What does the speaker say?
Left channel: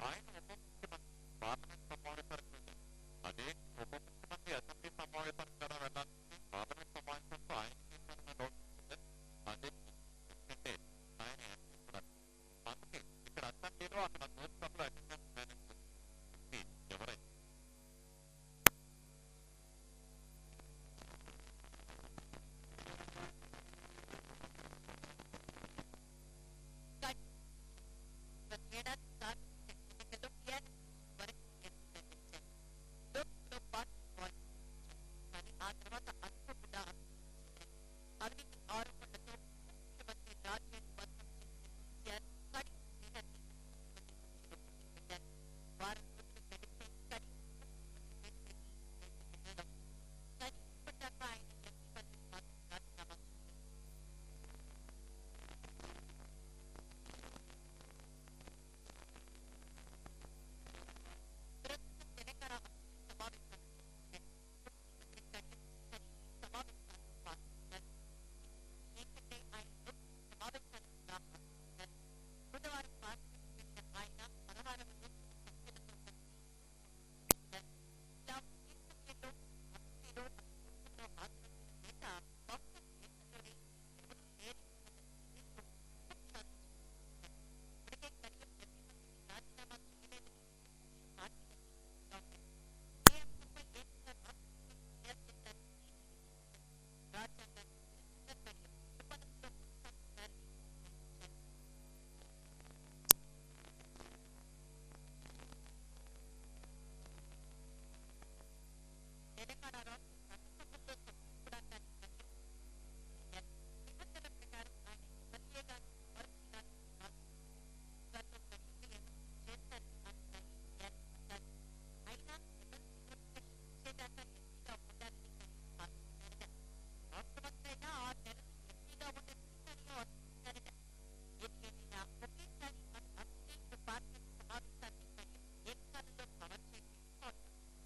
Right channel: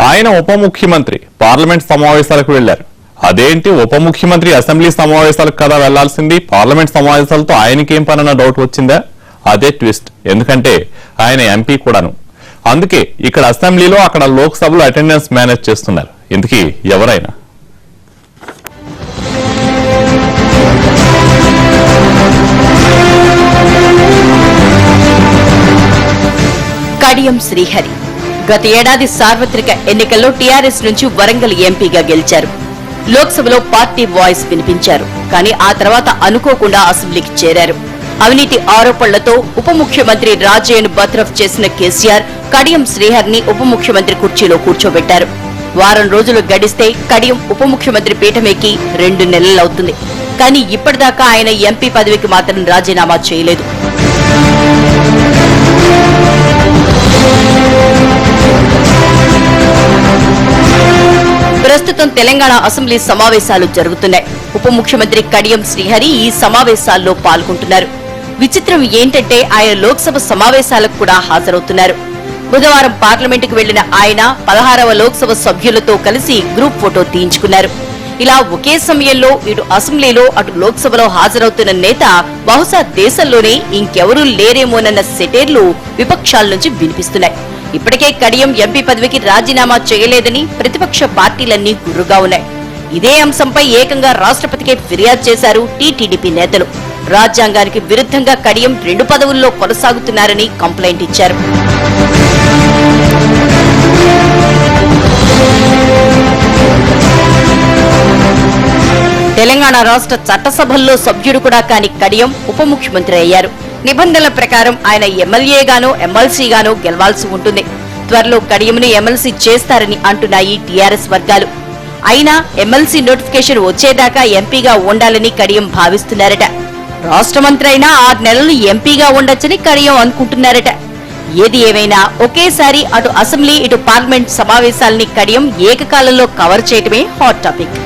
ఆయన ఉప ముఖ్యమంత్రి పార్లమెంట్ సమావేశాలకు వెళ్లారు. అదేంటి ఉప ముఖ్యమంత్రి అసెంబ్లీ సమావేశాలకు కదా వెళ్లాల్సింది, పార్లమెంట్ సమావేశాలతో ఆయనకేం పనన్న డౌట్ వచ్చిందా? అదే ట్విస్ట్. ఎందుకంటే ఆయన ఎంపీ కూడాను. అందుకే ఇక్కడ అసెంబ్లీలో అక్కడ లోక్సభలో అటెండెన్స్ మేనేజ్ చేస్తున్నారు. ఇందుకీ ఎవరైనా కడియం శ్రీహరి గత ఏడాది సార్వత్రిక ఎన్నికల్లో టీఆర్ఎస్ నుంచి వరంగల్ ఎంపీగా గెలిచారు. లోక్సభలో పార్టీ వాయిస్ వినిపించారు. కానీ ఆ తర్వాత అనుకోకుండా అసెంబ్లీకి చేరారు. అవినీతి ఆరోపణలతో ఉప ముఖ్యమంత్రి రాజయ్యను బర్తరఫ్ చేసిన కేసీఆర్ కడియం శ్రీహరిని ఉప ముఖ్యమంత్రి కుర్చీలో కూర్చోబెట్టారు. వారం రోజులు గడిస్తే కడియం ఉప ముఖ్యమంత్రి పీఠమెక్కి 2 నెలలవుతుంది. కానీ ఇప్పటిదాకా ఆయన ఎంపీ పదవికి మాత్రం రాజీనామా చేయలేదు. ప్రస్తుతం తెలంగాణ అసెంబ్లీ సమావేశాలు జరుగుతున్నాయి. ఉప ముఖ్యమంత్రి కడియం శ్రీహరి ఈ సమావేశాల్లో పాల్గొంటున్నారు. విచిత్రం ఏంటంటే ఆయన లోక్సభ సమావేశాలకు కూడా హాజరవుతున్నారు. బుధవారం పార్లమెంటుకు వెళ్లిన ఆయన 16వ లోక్సభ సభ్యులతో కలిసి గ్రూప్ ఫోటో తీయించుకున్నారు. ఇలా ఒకే సమయంలో ఇటు అసెంబ్లీలో అటు లోక్సభలో హాజరవుతున్న నేత బహుశా దేశంలోనే ఇంకెవరూ లేరేమోనన్న సెటైర్లు విపక్షాల నుంచి వినిపిస్తున్నాయి. ఇప్పటికే కడియం ఎంపీ పదవికి రాజీనామా చేయలేదని ప్రతిపక్ష పార్టీలన్నీ గుర్రుగా ఉన్నాయి. ఇదే అంశంపై ఏకంగా రాష్ట్రపతికే ఫిర్యాదు చేశారు టీటీడీపీ నేతలు. రాజ్యాంగానికి విరుద్ధంగా కడియం 2 పదవుల్లో కొనసాగుతున్నారని కంప్లైంట్ ఇచ్చారు. తెలంగాణ రాష్ట్ర చట్టసభల్లో సభ్యుడు కూడా కాని కడియం ఉప ముఖ్యమంత్రి అయ్యారు. నిబంధనల ప్రకారం ఆయన ఎమ్మెల్యేగానో ఎమ్మెల్సీగానో గెలవాల్సి ఉంటుంది. త్వరలో కడియంను ఎమ్మెల్సీ చేస్తారని అంటున్నాయి టీఆర్ఎస్ వర్గాలు. అయినా ఎమ్మెల్సీ నోటిఫికేషన్ వచ్చేదాకా ఎంపీగా ఉండాలని కడియం భావిస్తున్నారట. రాష్ట్ర మంత్రి అయినా 6 నెలలు ఎంపీగా ఉండొచ్చని కడియం అనుకుంటున్నారట. ఏది ఏమైనా ఒకేసారి అటు అసెంబ్లీ ఇటు పార్లమెంట్ సమావేశాలని కడియం ఏకకాలంలో కవర్ చేయటమే హాట్ టాపిక్.